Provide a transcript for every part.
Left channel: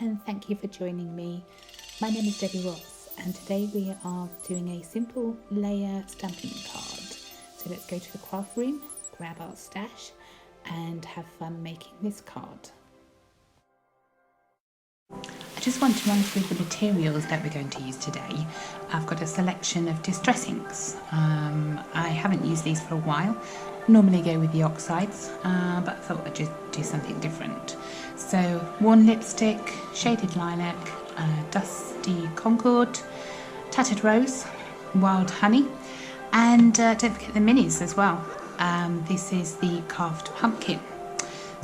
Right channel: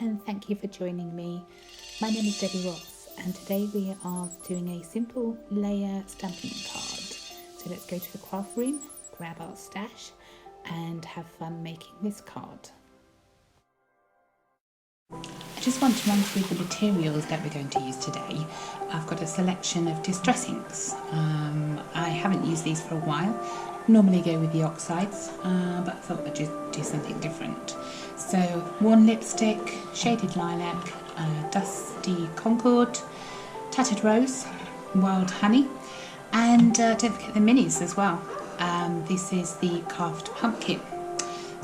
and thank you for joining me. My name is Debbie Ross and today we are doing a simple layer stamping card. So let's go to the craft room, grab our stash and have fun making this card. I just want to run through the materials that we're going to use today. I've got a selection of distress inks. I haven't used these for a while. Normally go with the oxides, but I thought I'd just do something different. So worn lipstick, shaded lilac, dusty concord, tattered rose, wild honey, and don't forget the minis as well. This is the carved pumpkin.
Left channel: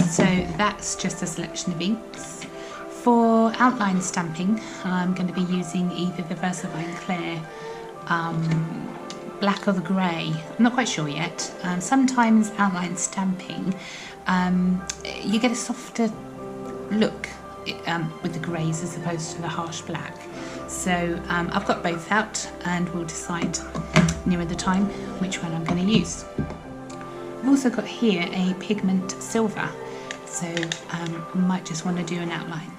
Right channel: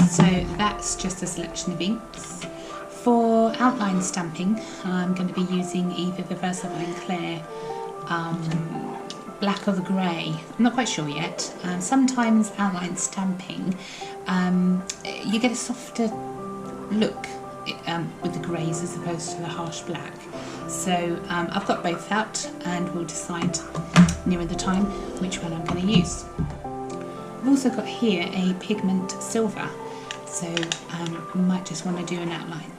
So that's just a selection of inks. For outline stamping, I'm going to be using either the VersaFine Clear black or the grey. I'm not quite sure yet. Sometimes outline stamping, you get a softer look with the greys as opposed to the harsh black. So I've got both out and we'll decide nearer the time which one I'm going to use. I've also got here a pigment silver, so I might just want to do an outline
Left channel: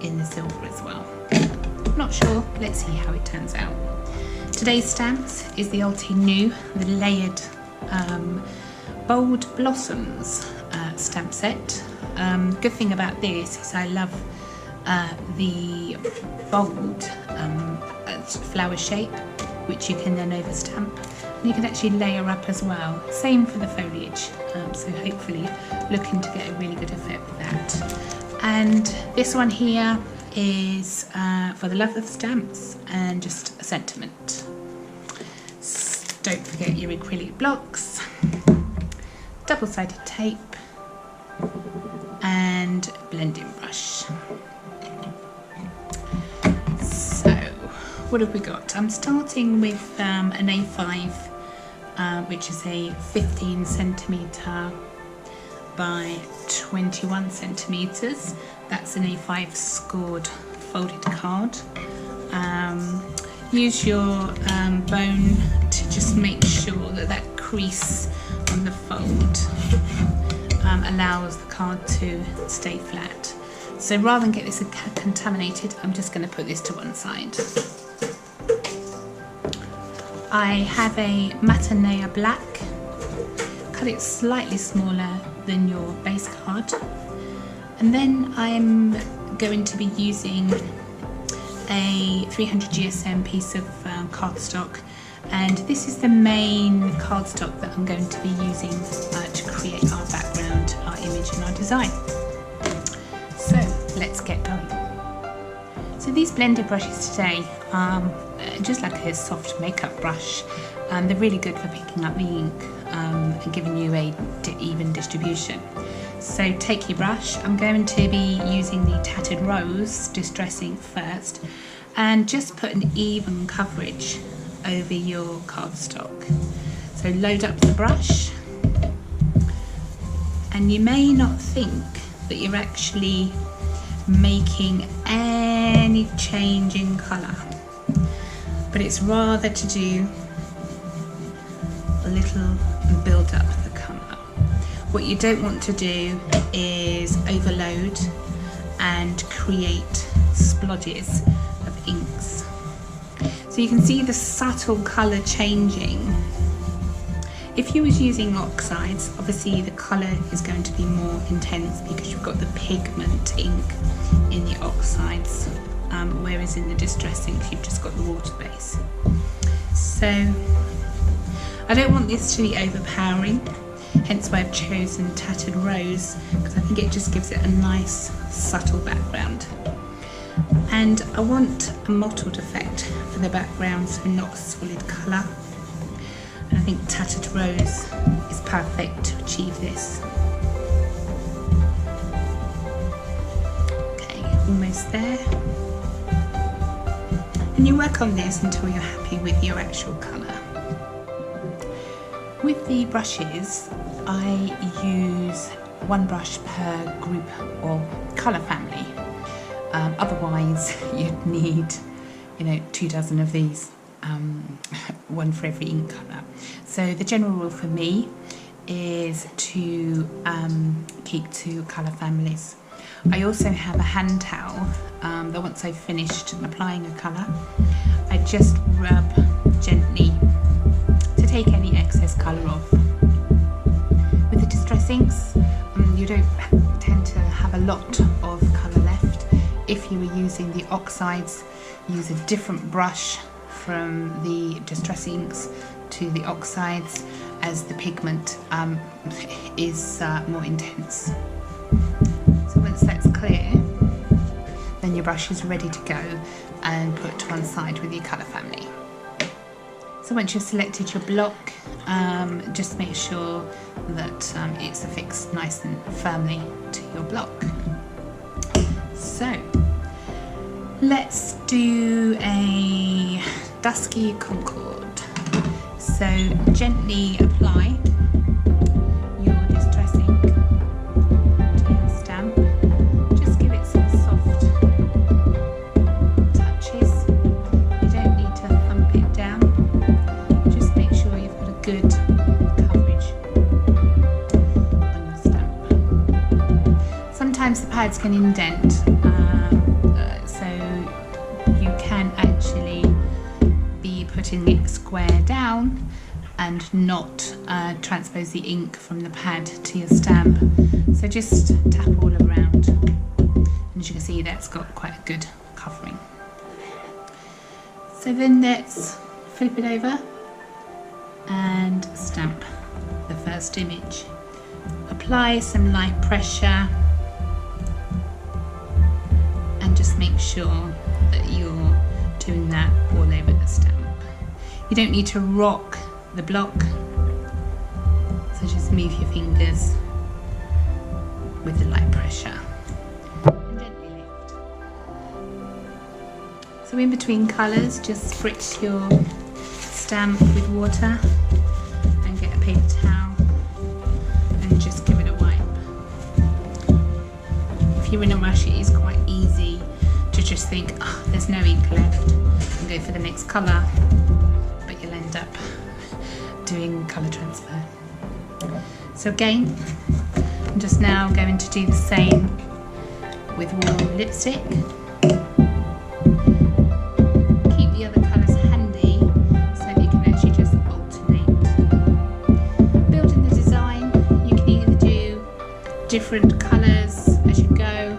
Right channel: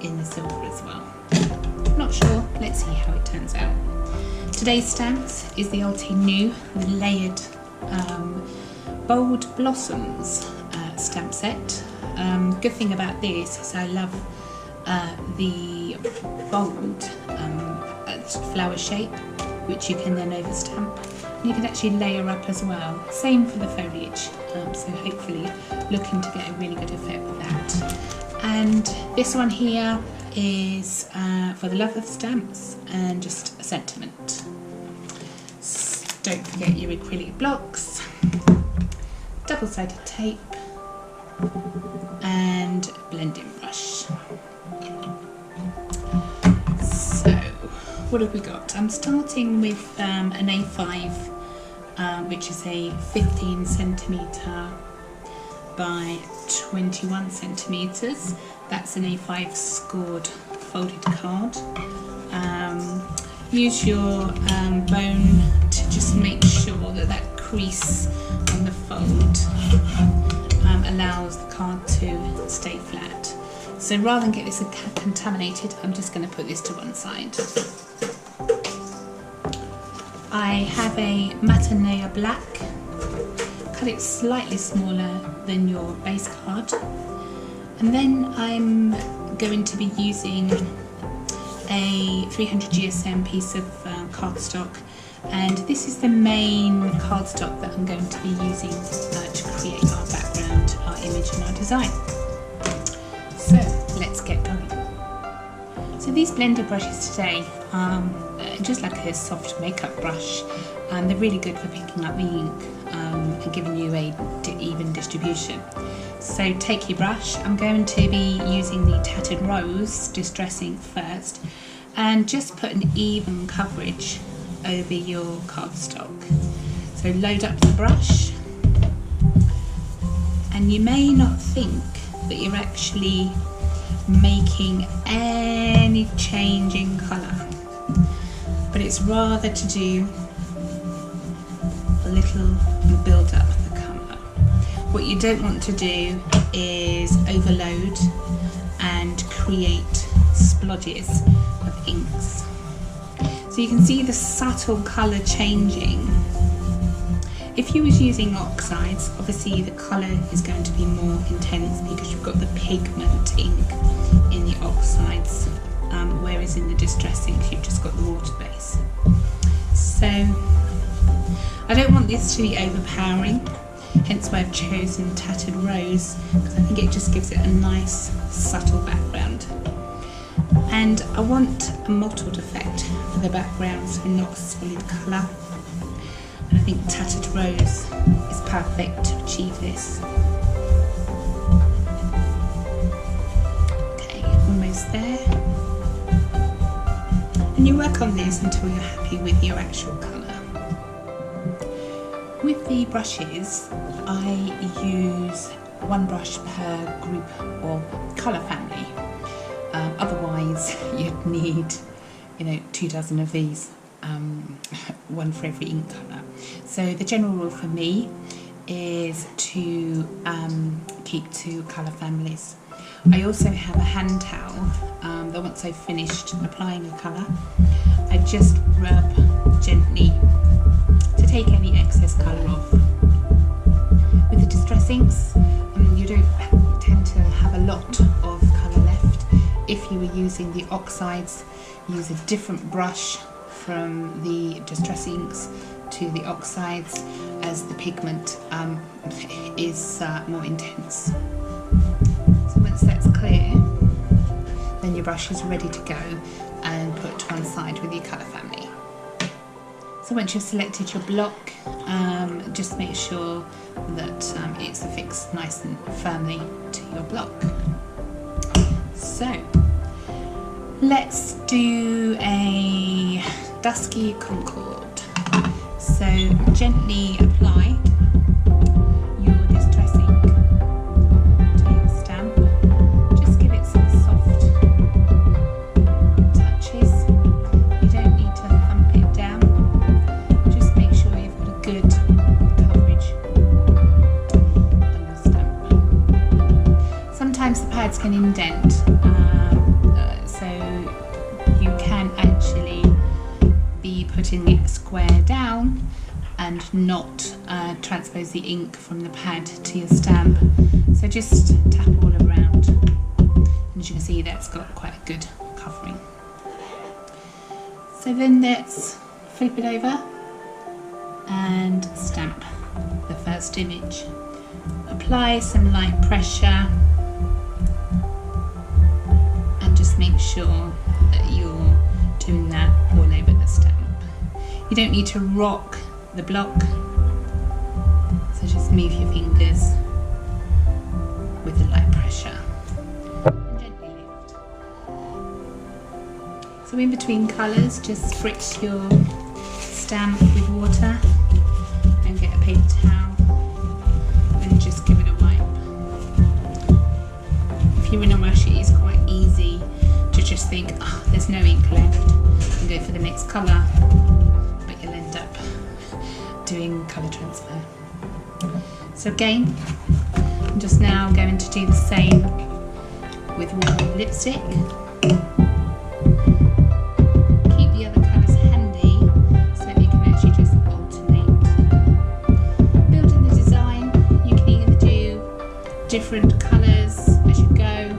in the silver as well. Not sure, let's see how it turns out. Today's stamps is the AlteNew, the layered bold blossoms stamp set. Good thing about this is I love the bold flower shape, which you can then overstamp. And you can actually layer up as well. Same for the foliage, so hopefully looking to get a really good effect with that. And this one here is for the love of stamps and just a sentiment. Don't forget your acrylic blocks, double-sided tape and blending brush. So what have we got? I'm starting with an A5 which is a 15 centimetre by 21 centimetres. That's an A5 scored folded card. Use your bone to just make sure that that crease on the fold allows the card to stay flat. So rather than get this contaminated, I'm just going to put this to one side. I have a Matinea black. Cut it slightly smaller than your base card. And then I'm going to be using a 300 GSM piece of cardstock, and this is the main cardstock that I'm going to be using to create our background, our image and our design. So let's get going. So these blended brushes today are just like a soft makeup brush, and they're really good for picking up the ink and giving you a even distribution. So take your brush. I'm going to be using the Tattered Rose Distress Ink first, and just put an even coverage over your cardstock. So load up the brush, and you may not think that you're actually making any change in colour, but it's rather to do a little build up the colour. What you don't want to do is overload and create splodges of inks. So you can see the subtle colour changing. If you was using oxides, obviously the colour is going to be more intense because you've got the pigment ink in the oxides, whereas in the distress inks you've just got the water base. So I don't want this to be overpowering, hence why I've chosen Tattered Rose, because I think it just gives it a nice subtle background. And I want a mottled effect for the background, so not a solid colour. And I think Tattered Rose is perfect to achieve this. Okay, almost there. And you work on this until you're happy with your actual colour. With the brushes, I use one brush per group or colour family. Otherwise, you'd need, 24 of these, one for every ink colour. So the general rule for me is to keep 2 colour families. I also have a hand towel that once I've finished applying a colour, I just rub gently to take any excess colour off. With the Distress inks, you don't tend to have a lot of colour left. If you were using the oxides, use a different brush from the Distress inks to the oxides, as the pigment is more intense. So once that's clear, then your brush is ready to go and put to one side with your colour family. So once you've selected your block, just make sure that it's affixed nice and firmly to your block. So let's do a dusky Concord. So gently apply your Distress ink to your stamp. Just give it some soft touches. You don't need to thump it down. Just make sure you've got a good coverage on your stamp. Sometimes the pads can indent, so you can actually be putting it square down and not transpose the ink from the pad to your stamp. So just tap all around, and as you can see, that's got quite a good covering. So then let's flip it over and stamp the first image. Apply some light pressure and just make sure that you're doing that all over the stamp. You don't need to rock the block, so just move your fingers with the light pressure and gently lift. So in between colours, just spritz your stamp with water and get a paper towel and just give it a wipe. If you're in a rush, it is quite easy to just think, oh, there's no ink left, and go for the next colour, but you'll end up doing colour transfer. So again, I'm just now going to do the same with warm lipstick. Keep the other colours handy so that you can actually just alternate. Building the design, you can either do different colours as you go,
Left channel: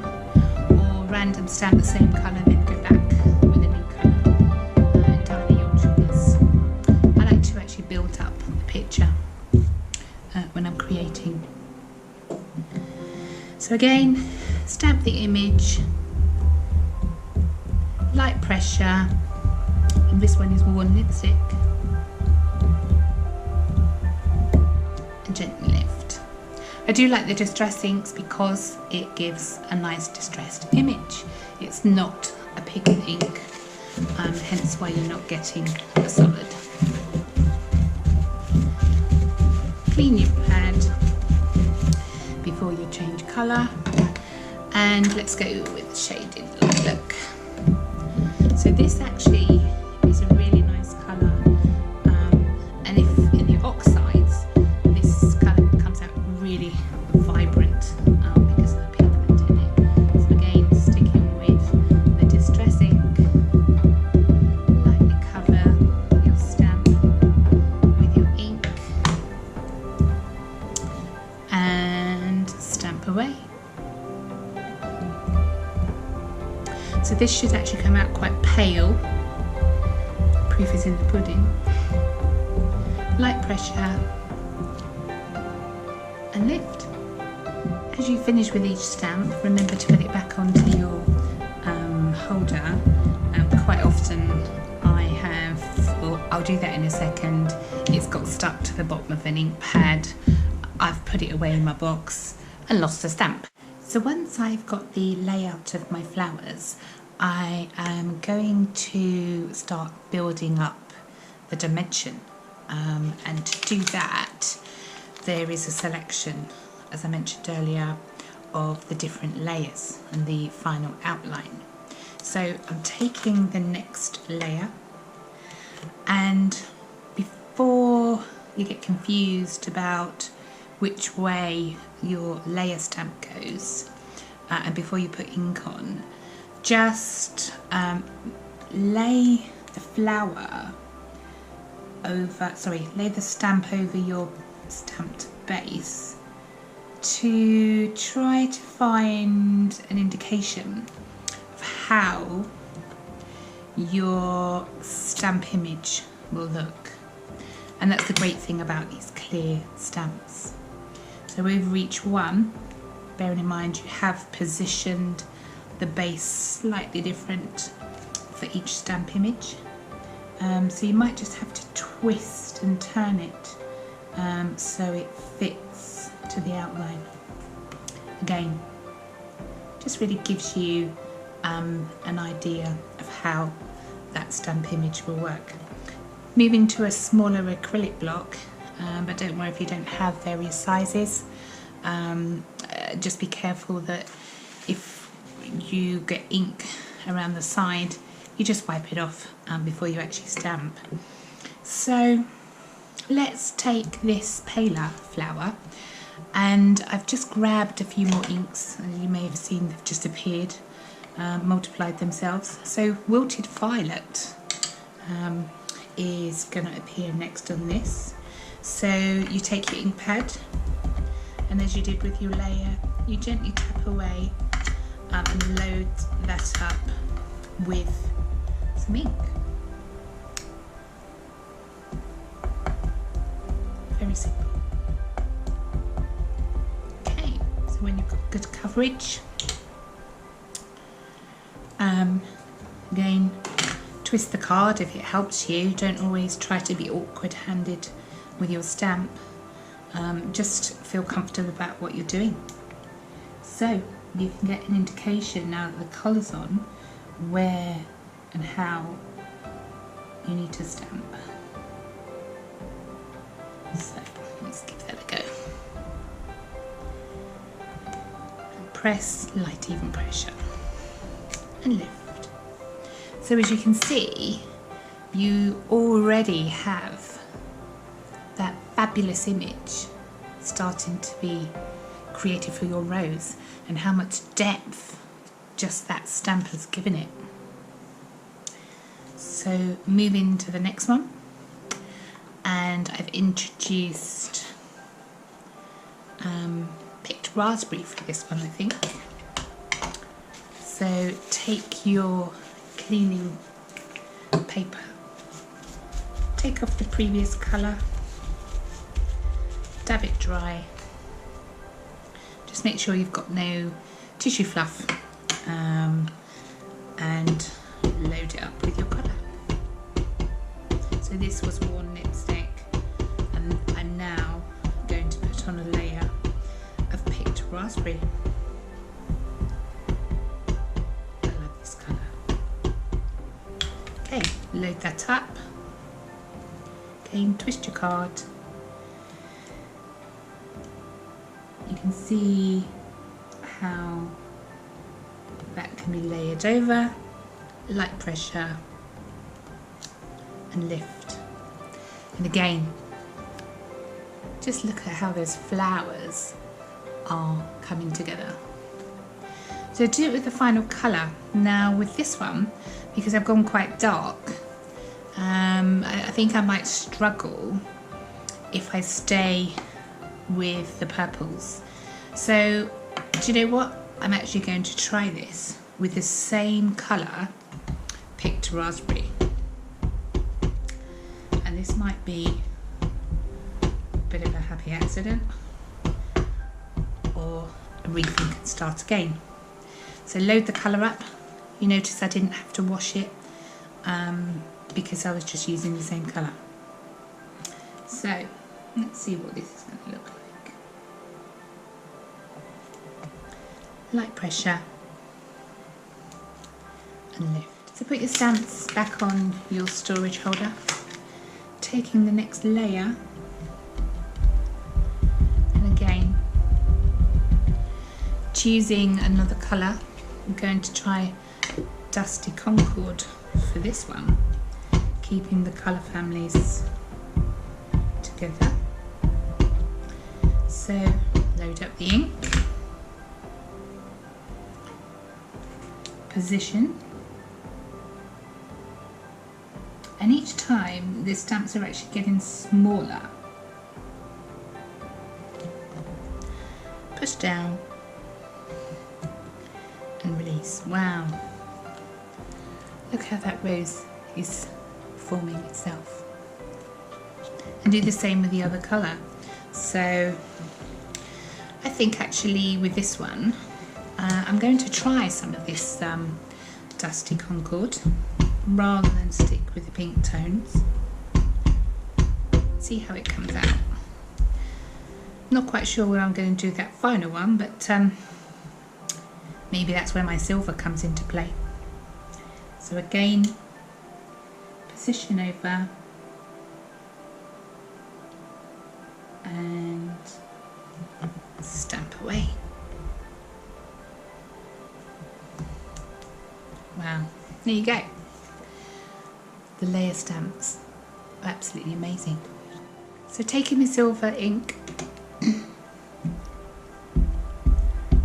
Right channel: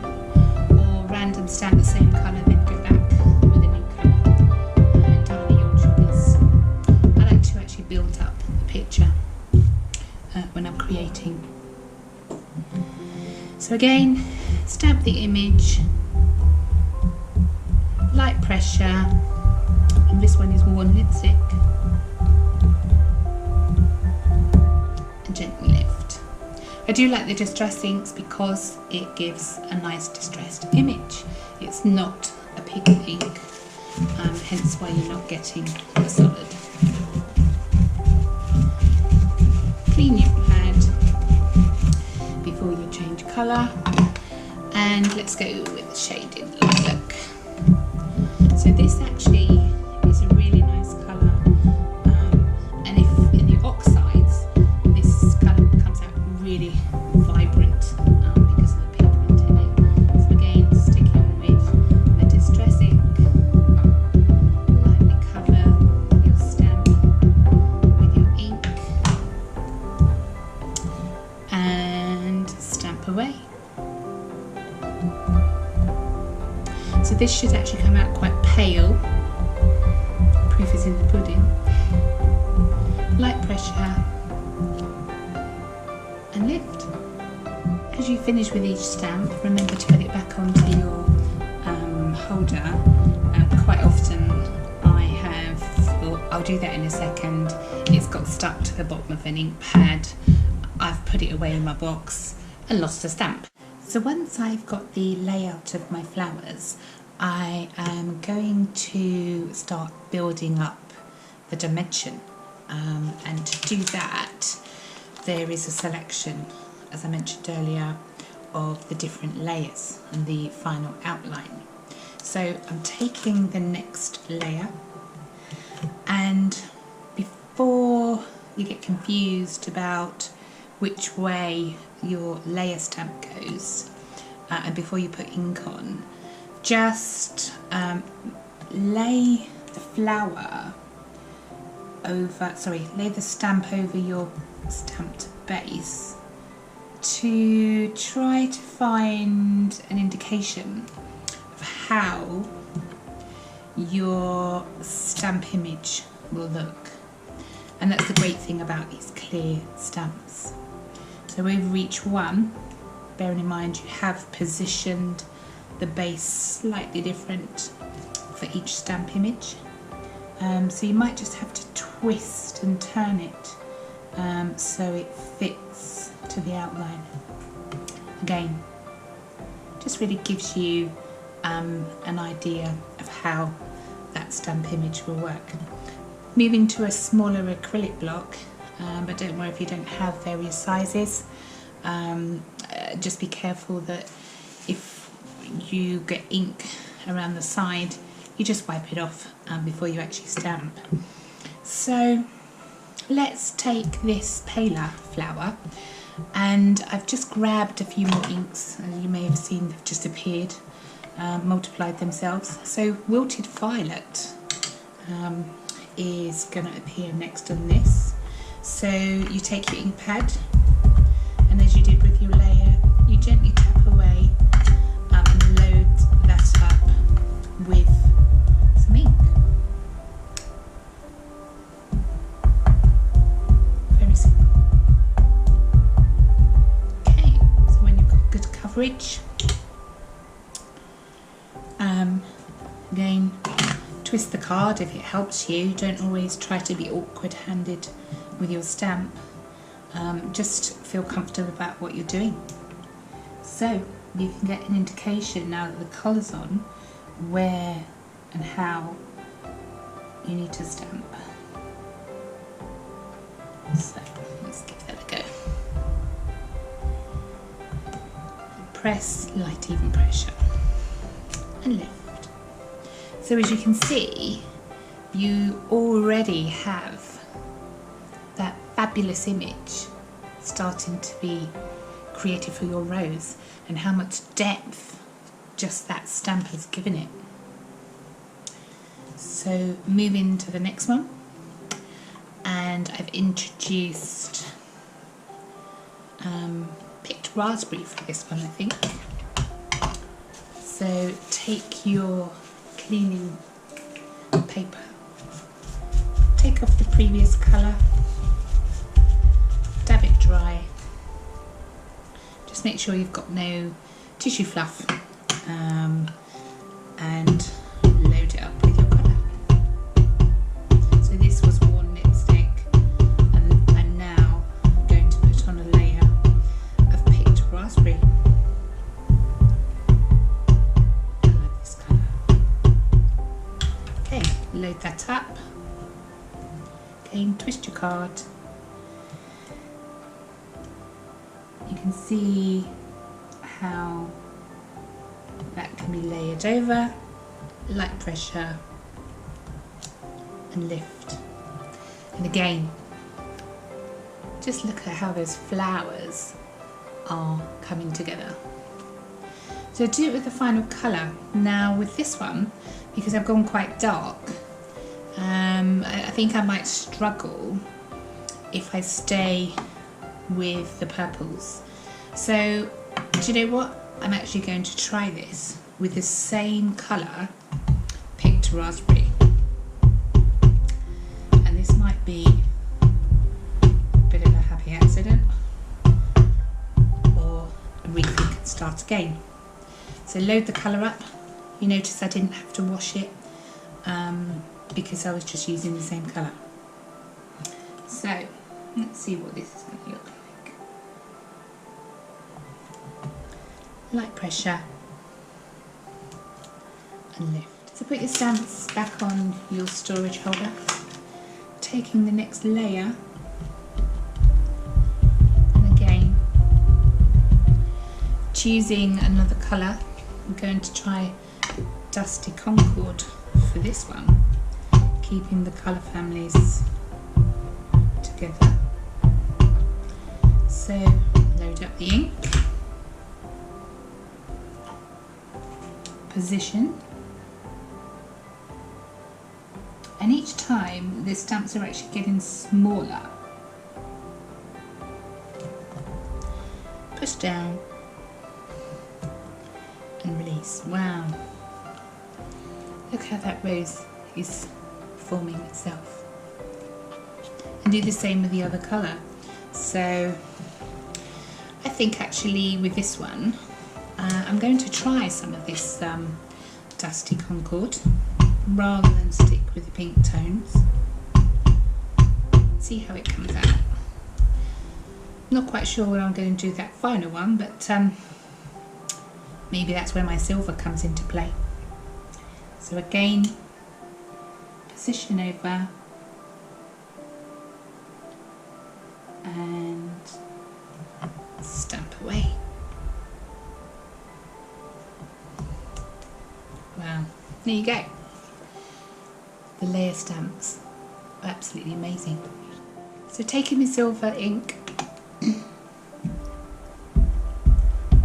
or random stamp the same colour then go back with a new colour. Entirely your choice. I like to actually build up the picture when I'm creating. So again, stamp the image, light pressure, and this one is worn lipstick, and gently lift. I do like the Distress inks because it gives a nice distressed image. It's not a pigment ink, hence why you're not getting a solid. Clean your pad before you change colour, and let's go with shaded lilac. So this actually is a really nice colour, and if in the oxides this colour comes out really vibrant because of the pigment in it. So again, sticking with the Distress ink, lightly cover your stamp with your ink and stamp away. So this should actually come out quite pale. Proof is in the pudding. Light pressure and lift. As you finish with each stamp, remember to put it back onto your holder. Quite often I have, well, I'll do that in a second, it's got stuck to the bottom of an ink pad. I've put it away in my box and lost the stamp. So once I've got the layout of my flowers, I am going to start building up the dimension, and to do that there is a selection, as I mentioned earlier, of the different layers and the final outline. So I'm taking the next layer, and before you get confused about which way your layer stamp goes, and before you put ink on, just lay the flower over, lay the stamp over your stamped base to try to find an indication of how your stamp image will look. And that's the great thing about these clear stamps. So over each one, bearing in mind you have positioned the base slightly different for each stamp image. So you might just have to twist and turn it so it fits to the outline. Again, just really gives you an idea of how that stamp image will work. Moving to a smaller acrylic block, but don't worry if you don't have various sizes. Just be careful that if you get ink around the side, you just wipe it off before you actually stamp. So let's take this paler flower, and I've just grabbed a few more inks. As you may have seen, they've just appeared, multiplied themselves. So wilted violet is going to appear next on this. So you take your ink pad, and as you did with your layer, you gently tap away and load that up with some ink. Very simple. Okay, so when you've got good coverage, again, twist the card if it helps you. Don't always try to be awkward-handed with your stamp. Just feel comfortable about what you're doing. So you can get an indication now that the colour's on where and how you need to stamp. So let's give that a go. And press, light even pressure, and lift. So as you can see, you already have that fabulous image starting to be created for your rose, and how much depth just that stamp has given it. So moving to the next one, and I've introduced picked raspberry for this one, I think. So take your cleaning paper, take off the previous colour, dab it dry, just make sure you've got no tissue fluff, and load it up with your colour. So this was worn lipstick, and I'm now going to put on a layer of picked raspberry. I love this colour. Okay, load that up. Again, twist your card. You can see how that can be layered over, light pressure, and lift. And again, just look at how those flowers are coming together. So do it with the final colour. Now with this one, because I've gone quite dark, I think I might struggle if I stay with the purples. So do you know what? I'm actually going to try this with the same colour, picked raspberry. And this might be a bit of a happy accident, or a rethink and start again. So load the colour up. You notice I didn't have to wash it because I was just using the same colour. So let's see what this is going to look like. Light pressure and lift. So put your stamps back on your storage holder, taking the next layer, and again choosing another colour. I'm going to try Dusty Concord for this one, keeping the colour families together. So load up the ink, position, and each time the stamps are actually getting smaller. Push down and release. Wow, look how that rose is forming itself. And do the same with the other colour. So I think actually with this one I'm going to try some of this Dusty Concord rather than stick with the pink tones. See how it comes out. Not quite sure what I'm going to do with that final one, but maybe that's where my silver comes into play. So again, position over and stamp away. Wow, there you go. The layer stamps are absolutely amazing. So taking my silver ink,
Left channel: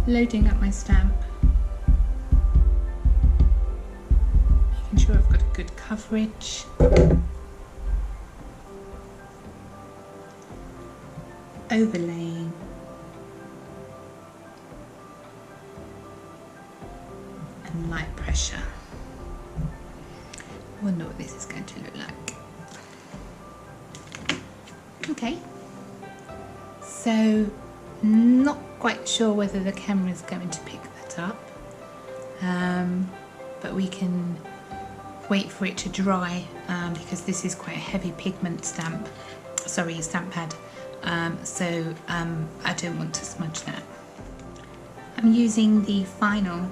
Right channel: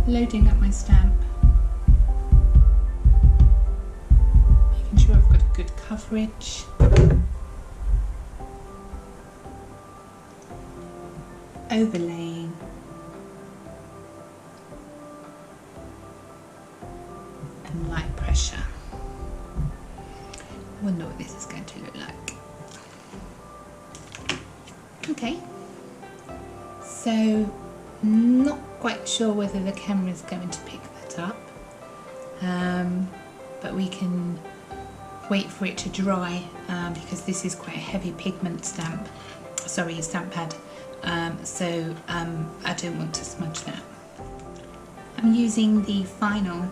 loading up my stamp, making sure I've got a good coverage. Overlaying. And light pressure. I wonder what this is going to look like. Okay, so not quite sure whether the camera is going to pick that up, but we can wait for it to dry because this is quite a heavy pigment stamp, sorry, stamp pad, so I don't want to smudge that. I'm using the final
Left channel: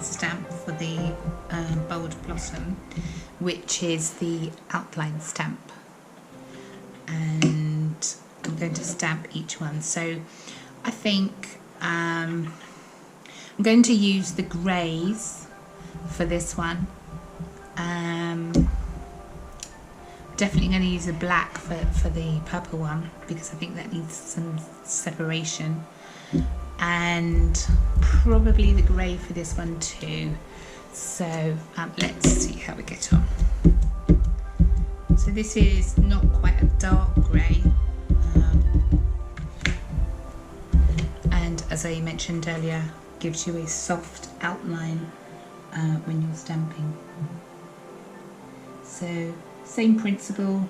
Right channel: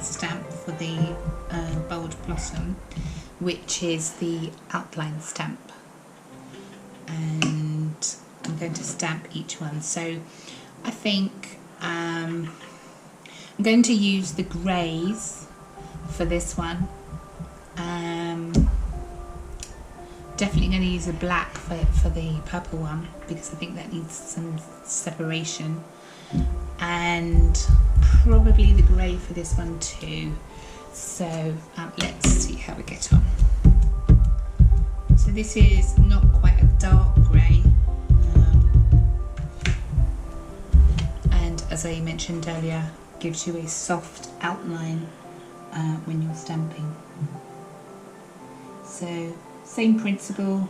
stamp for the Bold Blossom, which is the outline stamp, and I'm going to stamp each one. So I think I'm going to use the greys for this one. Definitely going to use the black for the purple one because I think that needs some separation, and probably the grey for this one too. So let's see how we get on. So this is not quite a dark grey, and as I mentioned earlier, gives you a soft outline when you're stamping. So same principle,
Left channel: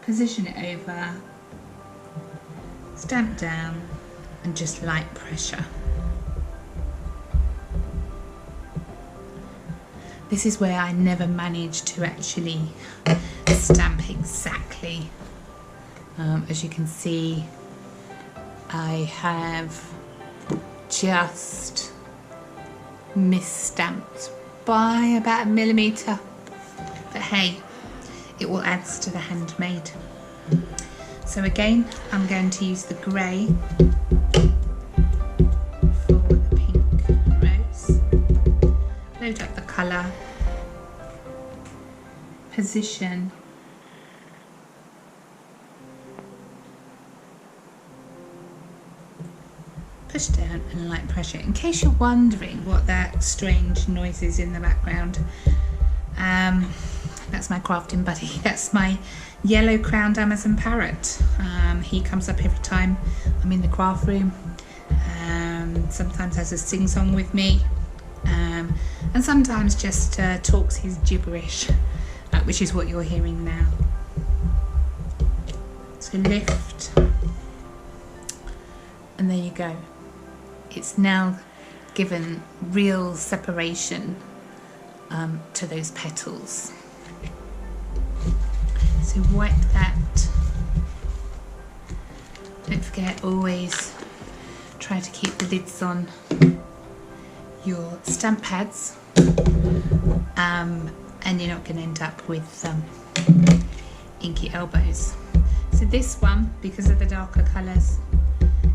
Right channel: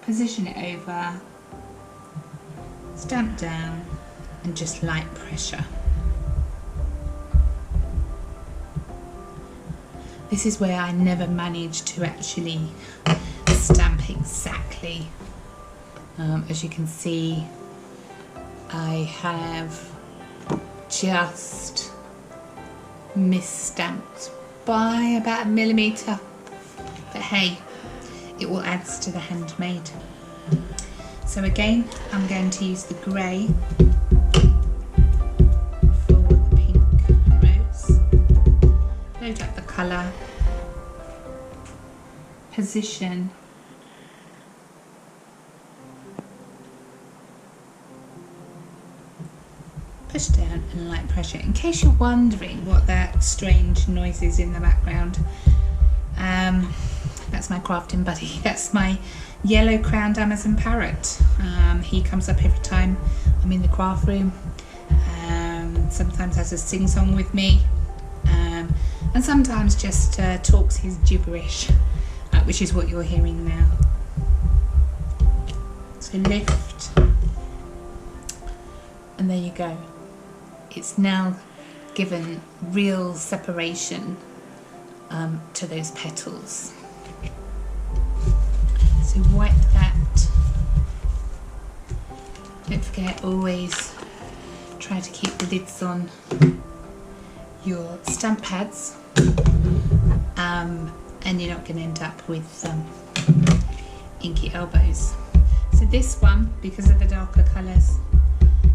position it over, stamp down, and just light pressure. This is where I never managed to actually stamp exactly. As you can see, I have just misstamped by about 1 millimetre. But hey, it all adds to the handmade. So again, I'm going to use the grey for the pink rose. Load up the colour, position, push down and light pressure. In case you're wondering what that strange noise is in the background, that's my crafting buddy. That's my yellow-crowned Amazon parrot. He comes up every time I'm in the craft room. Sometimes has a sing-song with me, and sometimes just talks his gibberish, which is what you're hearing now. So lift, and there you go. It's now given real separation to those petals. So wipe that. Don't forget, always try to keep the lids on your stamp pads, and you're not going to end up with inky elbows. So this one, because of the darker colours,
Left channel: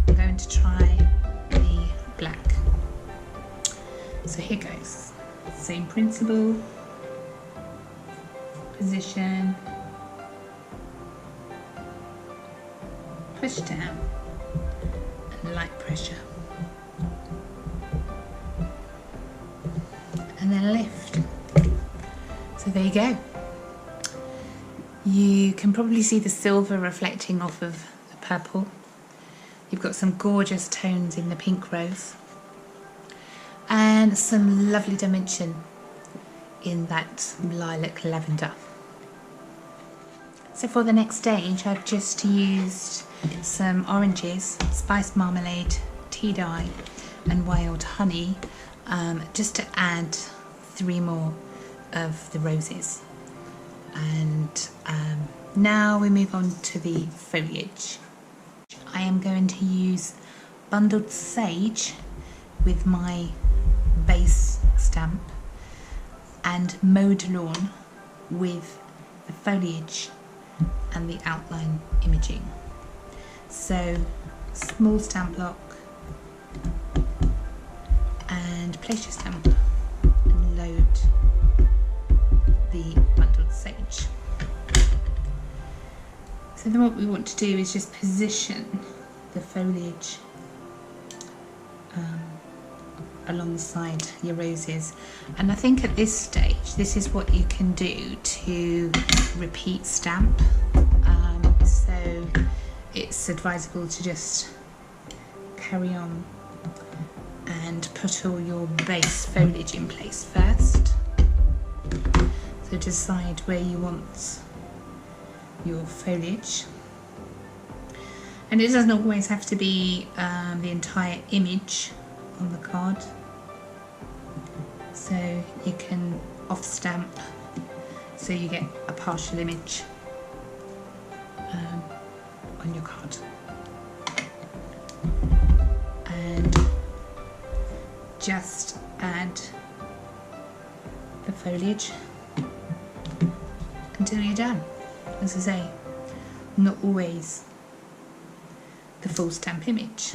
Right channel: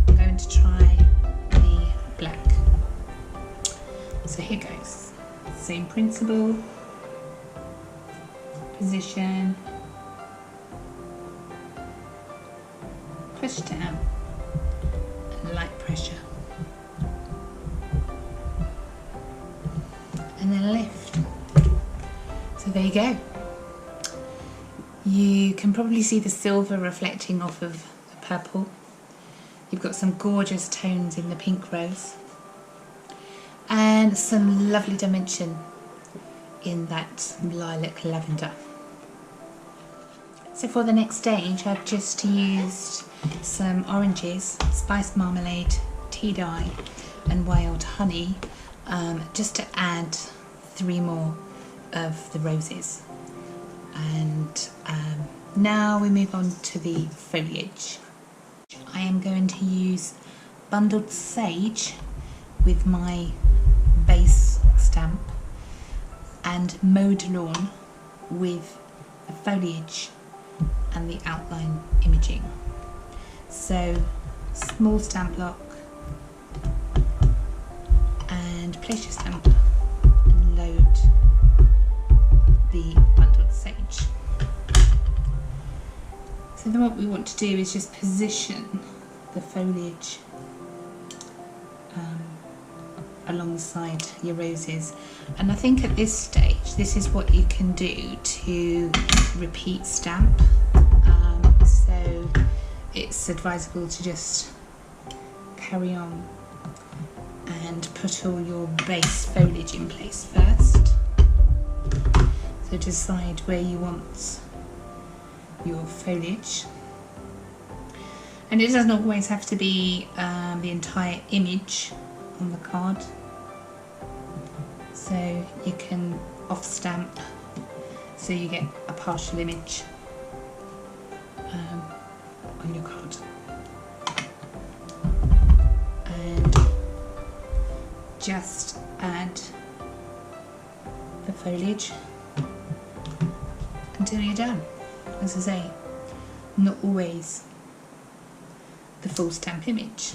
I'm going to try the black. So here goes. Same principle, position, push down, and light pressure. and then lift. So there you go. You can probably see the silver reflecting off of the purple. You've got some gorgeous tones in the pink rose and some lovely dimension in that lilac lavender. So for the next stage, I've just used some oranges, spiced marmalade, tea dye and wild honey, just to add 3 more of the roses. And now we move on to the foliage. I am going to use bundled sage with my base stamp and mowed lawn with the foliage and the outline imaging. So small stamp block and place your stamp and load the bundled sage. So then what we want to do is just position the foliage alongside your roses, and I think at this stage this is what you can do to repeat stamp, so it's advisable to just carry on and put all your base foliage in place first. So decide where you want your foliage, and it doesn't always have to be the entire image on the card, so you can off stamp so you get a partial image on your card, and just add the foliage until you're done. As I say, not always the full stamp image.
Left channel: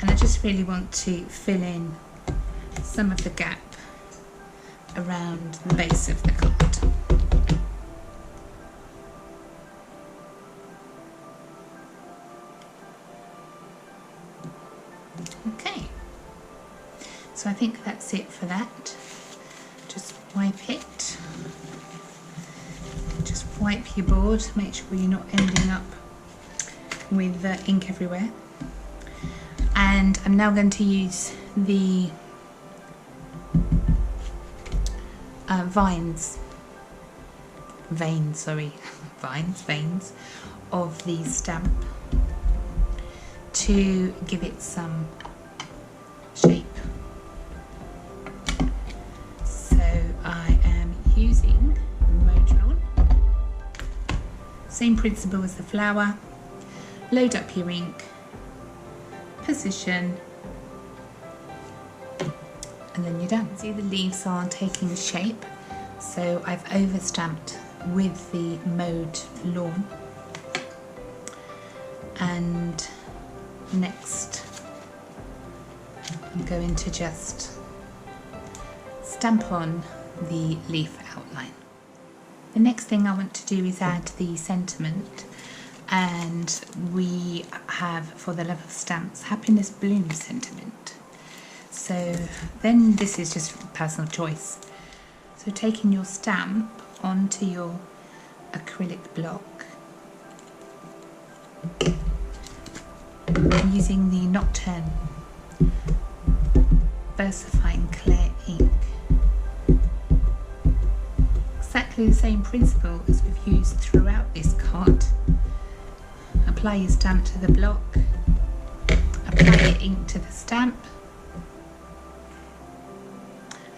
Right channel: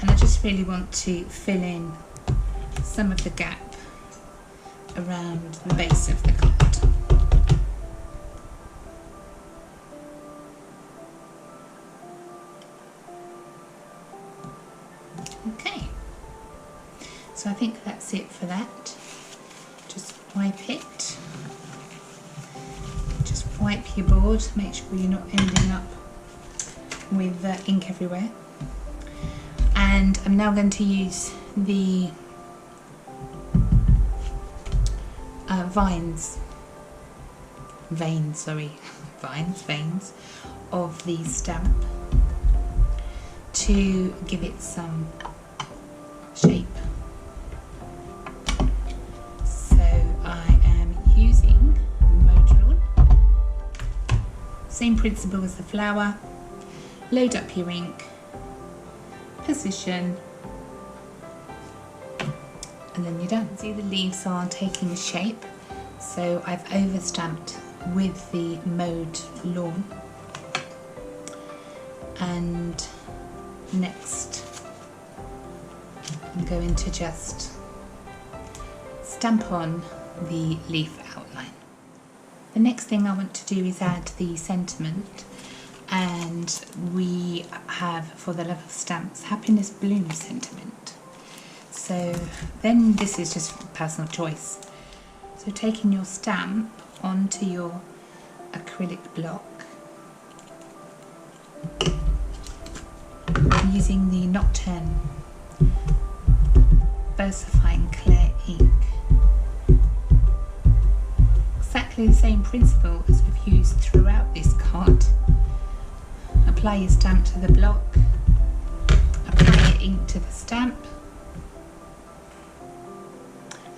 And I just really want to fill in some of the gap around the base of the card. Okay, so I think that's it for that. Just wipe it. Just wipe your board, make sure you're not ending up with ink everywhere. And I'm now going to use the veins of the stamp to give it some shape. So I am using mowed lawn. Same principle as the flower. Load up your ink, position, and then you're done. See, the leaves are taking shape, so I've over stamped with the mowed lawn. And next I'm going to just stamp on the leaf outline. The next thing I want to do is add the sentiment, and we have, for the love of stamps, happiness bloom sentiment. So then this is just personal choice. So taking your stamp onto your acrylic block, using the Nocturne Versifying Clear ink. Exactly the same principle as we've used throughout this card. Apply your stamp to the block, apply your ink to the stamp,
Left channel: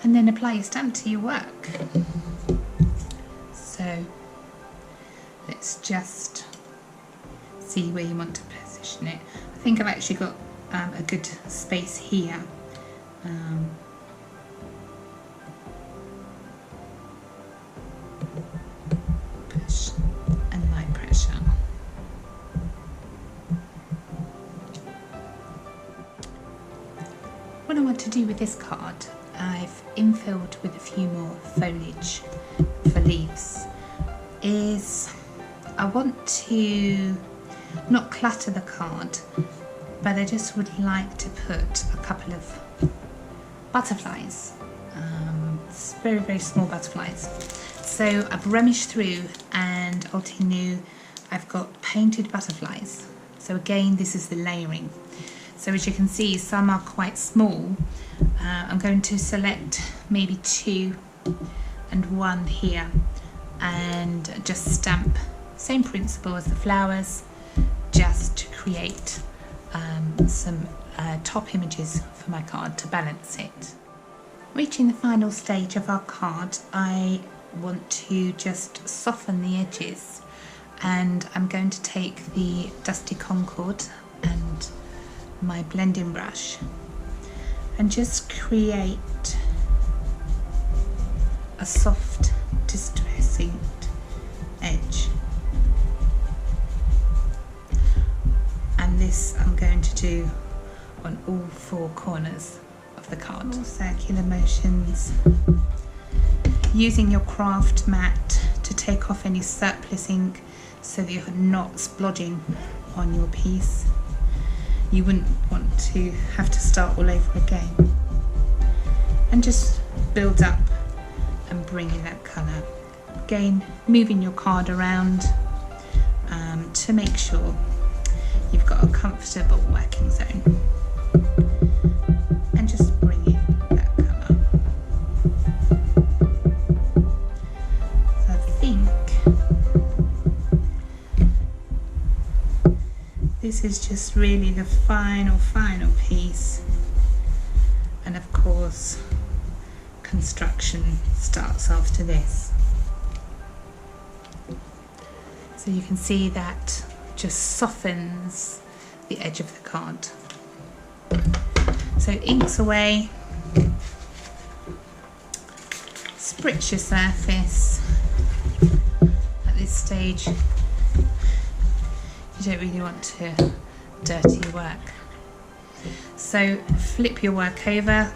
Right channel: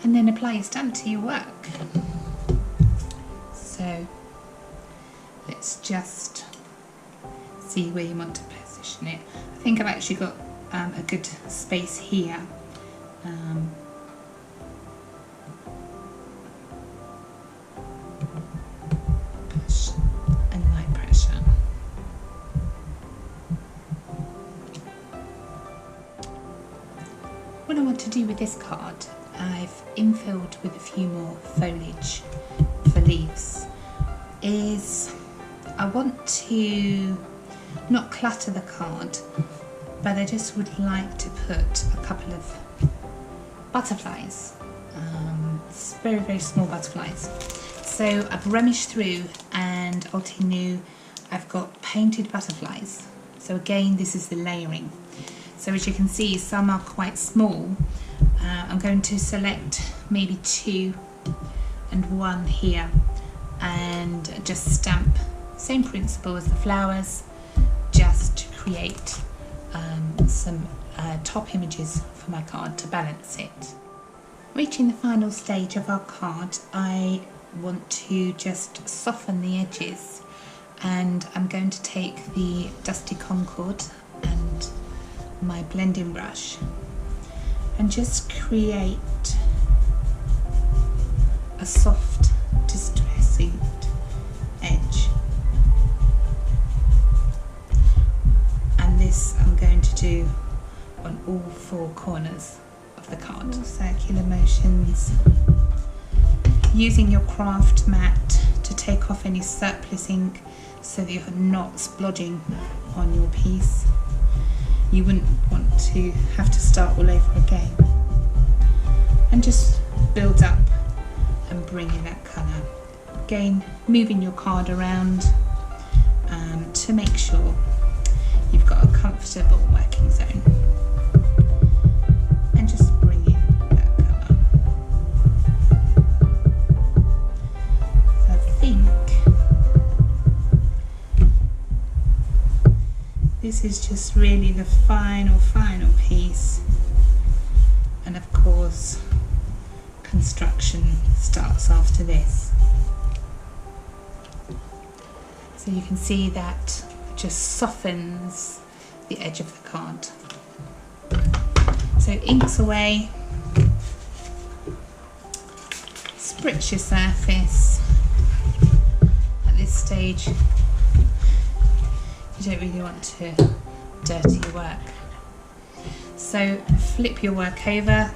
and then apply your stamp to your work. So let's just see where you want to position it. I think I've actually got a good space here. Push and light pressure. What I want to do with this card, I've infilled with a few more foliage for leaves, is I want to not clutter the card, but I just would like to put a couple of butterflies, very, very small butterflies. So I've rummaged through, and AlteNew, I've got painted butterflies. So again, this is the layering. So as you can see, some are quite small. I'm going to select maybe 2 and 1 here, and just stamp, same principle as the flowers, just to create some top images for my card to balance it. Reaching the final stage of our card, I want to just soften the edges, and I'm going to take the Dusty Concord and my blending brush and just create a soft distressing edge. And this I'm going to do on all 4 corners of the card. Circular motions, using your craft mat to take off any surplus ink so that you're not splodging on your piece. You wouldn't want to have to start all over again. And just build up and bring in that colour. Again, moving your card around to make sure you've got a comfortable working zone. And just bring in that colour. So I think this is just really the final piece. And of course, construction starts after this. So you can see that just softens the edge of the card. So inks away, spritz your surface. At this stage, you don't really want to dirty your work. So flip your work over,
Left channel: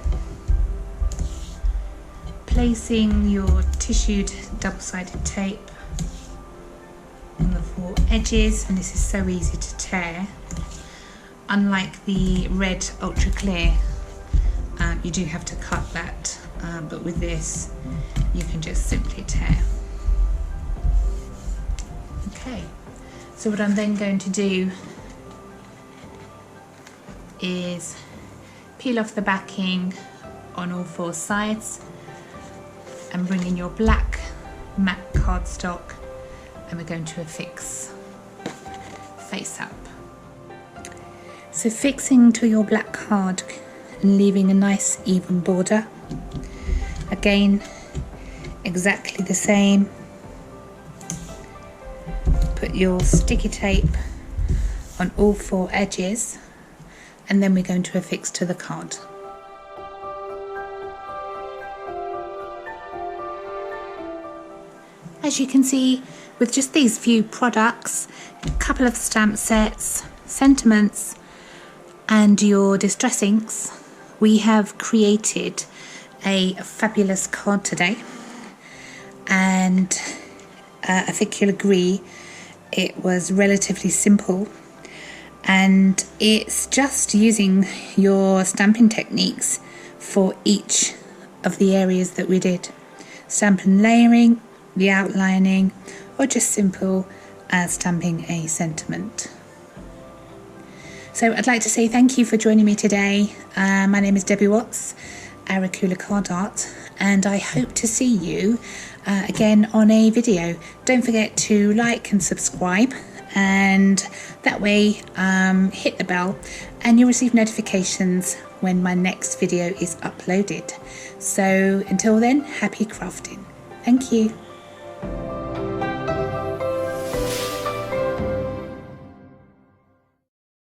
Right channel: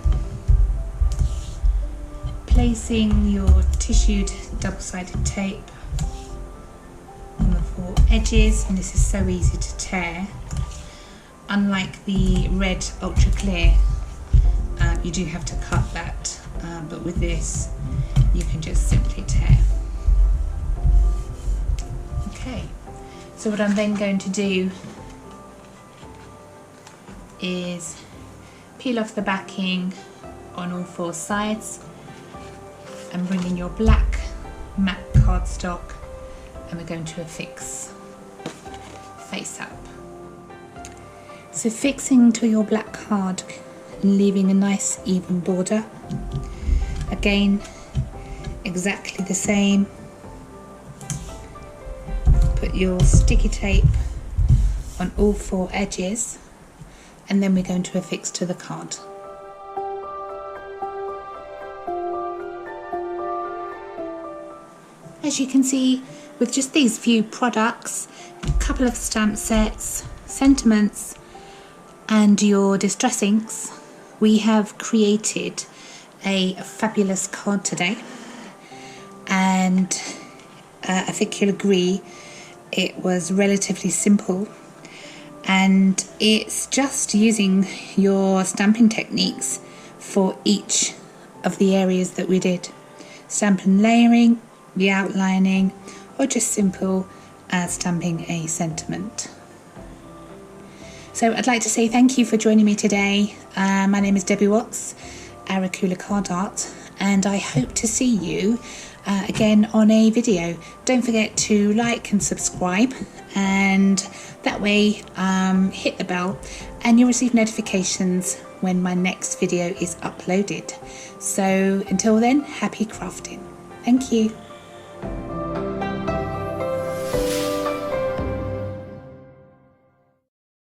placing your tissued double-sided tape on the 4 edges, and this is so easy to tear. Unlike the red ultra clear, you do have to cut that, but with this you can just simply tear. Okay, so what I'm then going to do is peel off the backing on all 4 sides and bring in your black matte cardstock, and we're going to affix face up. So fixing to your black card and leaving a nice even border. Again, exactly the same. Put your sticky tape on all 4 edges, and then we're going to affix to the card. As you can see, with just these few products, a couple of stamp sets, sentiments, and your distress inks, we have created a fabulous card today. And I think you'll agree it was relatively simple, and it's just using your stamping techniques for each of the areas that we did. Stamp and layering, the outlining, or just simple stamping a sentiment. So I'd like to say thank you for joining me today. My name is Debbie Watts, Aracula Card Art, and I hope to see you again on a video. Don't forget to like and subscribe, and that way hit the bell and you'll receive notifications when my next video is uploaded. So until then, happy crafting. Thank you.